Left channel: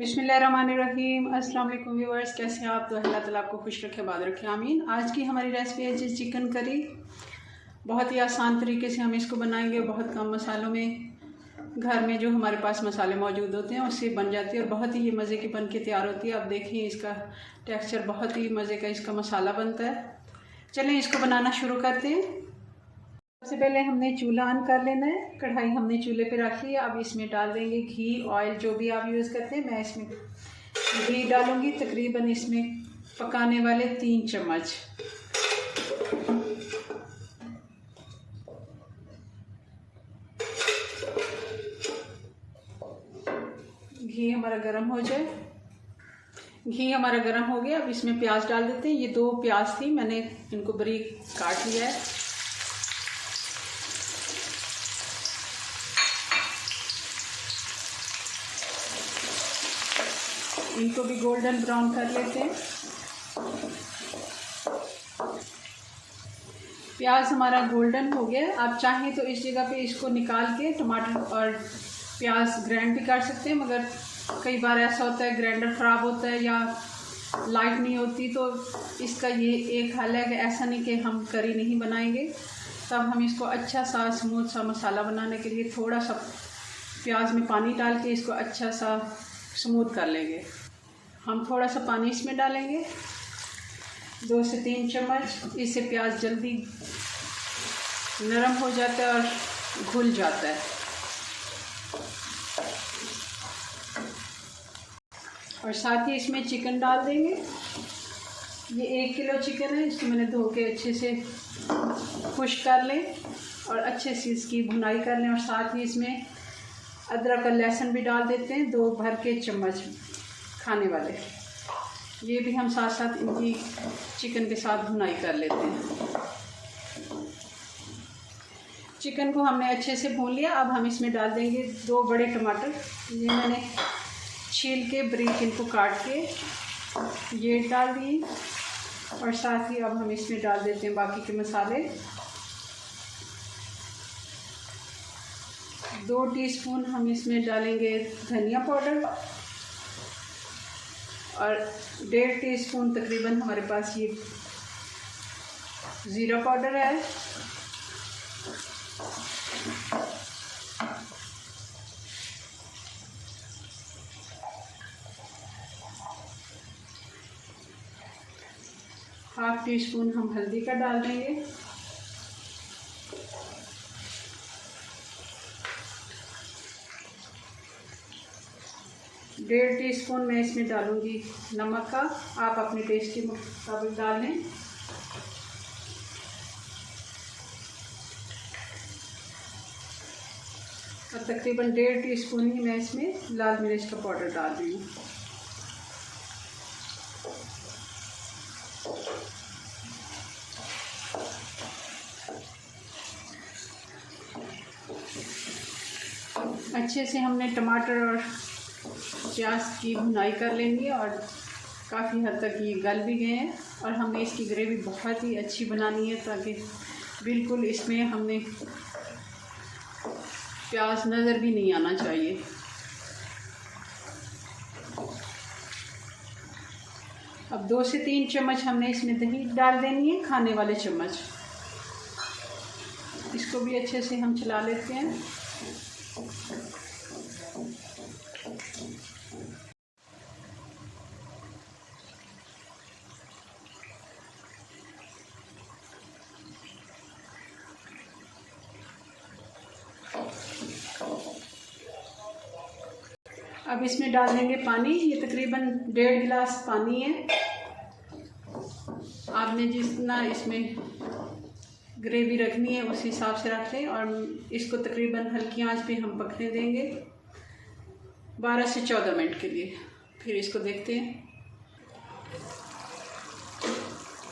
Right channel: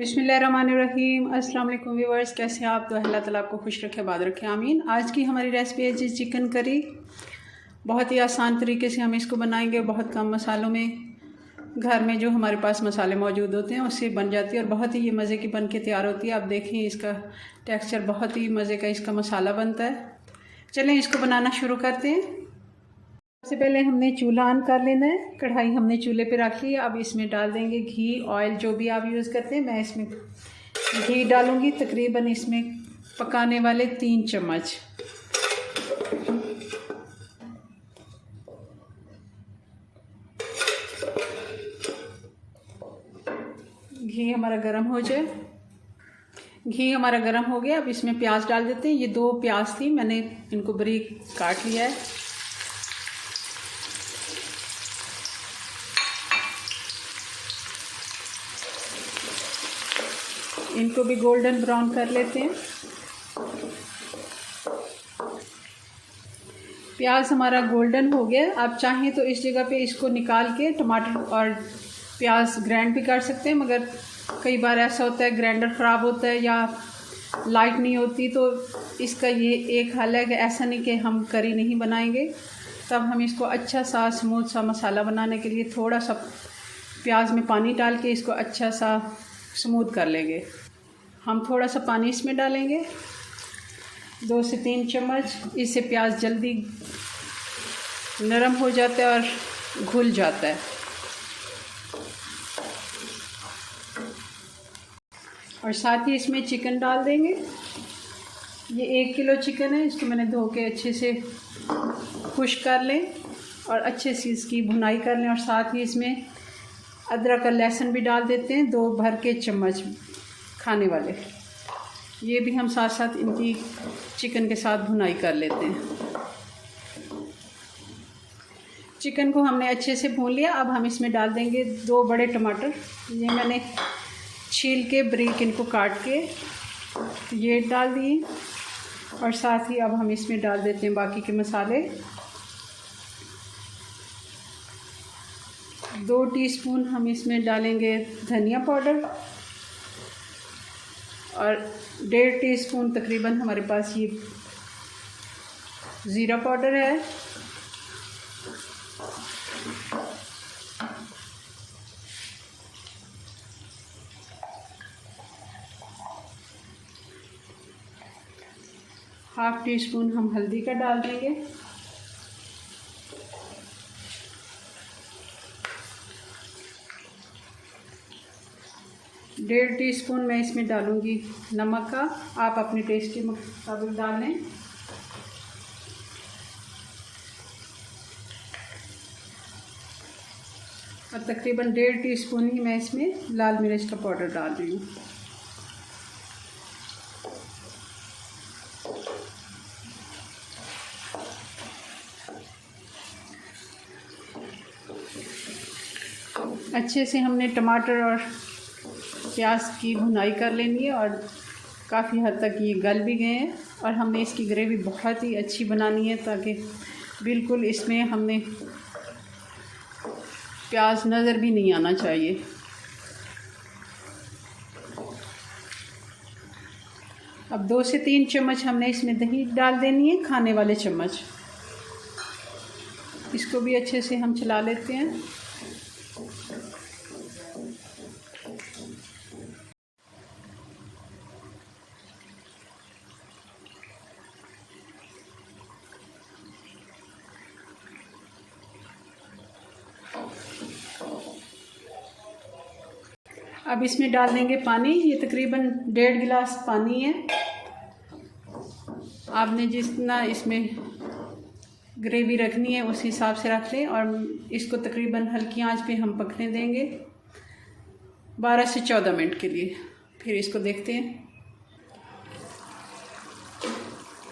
बिस्मिल्लाहिर्रहमानिर्रहीम। अस्सलाम वालेकुम व्यूअर्स, कैसे हैं आप? तो अल्लाह ताला आपको खुश रखे, आबाद रखे, आमीन। आज की हमारी रेसिपी है जी चिकन करी। बहुत ही आसान तरीके से हम इसको बनाएंगे, बहुत कम मसालों में। घर में जो हमारे पास मसाले मौजूद होते हैं उससे बन जाती है और बहुत ही ये मज़े की बन के तैयार होती है। आप देखें इसका टेक्सचर बहुत ही मज़े का इसका मसाला बनता है। चलें इसको बनाना शुरू करते हैं। सबसे पहले हमने चूल्हा ऑन कर लेना है। कढ़ाई हमने चूल्हे पे रख ली है। अब इसमें डाल देंगे घी, ऑयल, जो भी आप यूज़ करते हैं। मैं इसमें घी डालूंगी, तकरीबन इसमें पकाने वाले 3 चम्मच। घी हमारा गर्म हो जाए। घी हमारा गर्म हो गया। अब इसमें प्याज डाल देते हैं। ये 2 प्याज थी, मैंने इनको बारीक काट लिया है। इनको भी गोल्डन ब्राउन कर लेते हैं। प्याज हमारा गोल्डन हो गया। आप चाहें तो इस जगह पे इसको निकाल के टमाटर और प्याज ग्राइंड भी कर सकते हैं, मगर कई बार ऐसा होता है ग्राइंडर ख़राब होता है या लाइट नहीं होती, तो इसका ये एक हल है कि ऐसा नहीं कि हम करी नहीं बनाएंगे। तब हम इसको अच्छा सा स्मूथ सा मसाला बनाने के लिए थोड़ा सा प्याज में पानी डाल के इसको अच्छा सा स्मूथ कर लेंगे। हम थोड़ा सा पानी इसमें डालेंगे, 2 से 3 चम्मच। इससे प्याज जल्दी नरम हो जाता है और घुल जाता है। और साथ ही इसमें चिकन डाल देंगे। ये 1 किलो चिकन है, इसको मैंने धो के अच्छे से खुश्क कर लें और अच्छे से इसकी भुनाई कर लें। और साथ ही इसमें अदरक और लहसुन भी डाल देते हैं, 2 भर के चम्मच खाने वाले। ये भी हम साथ साथ इनकी चिकन के साथ भुनाई कर लेते हैं। चिकन को हमने अच्छे से भून लिया। अब हम इसमें डाल देंगे 2 बड़े टमाटर। ये मैंने छील के बारीक इनको काट के ये डाल दिए। और साथ ही अब हम इसमें डाल देते हैं बाकी के मसाले। 2 टीस्पून हम इसमें डालेंगे धनिया पाउडर और 1.5 टीस्पून तकरीबन हमारे पास ये ज़ीरा पाउडर है। ½ टीस्पून हम हल्दी का डाल देंगे। डेढ़ टीस्पून मैं इसमें डालूंगी नमक का। आप अपने टेस्ट के मुताबिक डाल लें। और तकरीबन 1.5 टीस्पून ही मैं इसमें लाल मिर्च का पाउडर डाल रही हूँ। अच्छे से हमने टमाटर और प्याज की भुनाई कर लेनी है और काफ़ी हद तक ये गल भी गए हैं। और हमने इसकी ग्रेवी बहुत ही अच्छी बनानी है ताकि बिल्कुल इसमें हमने प्याज नज़र भी नहीं आना चाहिए। अब 2 से 3 चम्मच हमने इसमें दही डाल देनी है, खाने वाले चम्मच। इसको भी अच्छे से हम चला लेते हैं। अब इसमें डाल देंगे पानी। ये तकरीबन 1.5 गिलास पानी है। आपने जितना इसमें ग्रेवी रखनी है उस हिसाब से रख लें। और इसको तकरीबन हल्की आंच पे हम पकने देंगे 12 से 14 मिनट के लिए। फिर इसको देखते हैं,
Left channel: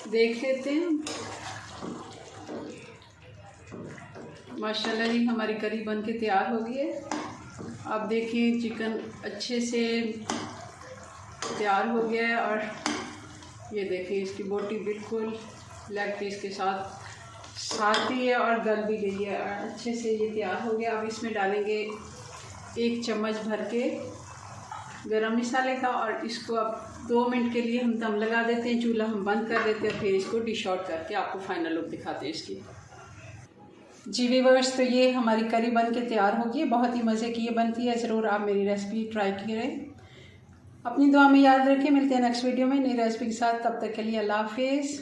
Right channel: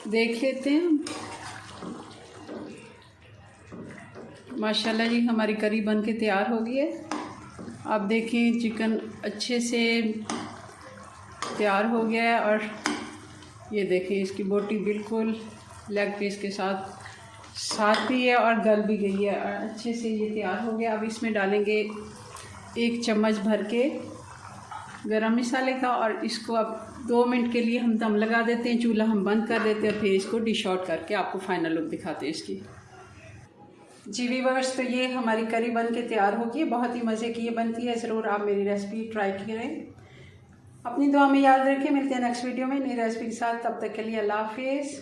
देख लेते हैं। माशाल्लाह जी हमारी करी बन के तैयार हो गई है। आप देखें चिकन अच्छे से तैयार हो गया है। और ये देखें इसकी बोटी बिल्कुल लेग पीस के साथ भी है और गल भी गई है। अच्छे से ये तैयार हो गया। अब इसमें डालेंगे 1 चम्मच भर के गरम मसाले का। और इसको अब 2 मिनट के लिए हम दम लगा देते हैं, चूल्हा हम बंद कर देते हैं, फिर इसको डिश आउट करके आपको फाइनल लुक दिखाते हैं इसकी। जी व्यूअर्स, तो ये हमारी करी बन के तैयार होगी। बहुत ही मज़े की ये बनती है, ज़रूर आप मेरी रेसिपी ट्राई करें। अपनी दुआ में याद रखें, मिलते हैं नेक्स्ट वीडियो में नई रेसिपी के साथ। तब तक के लिए अल्लाह हाफिज़।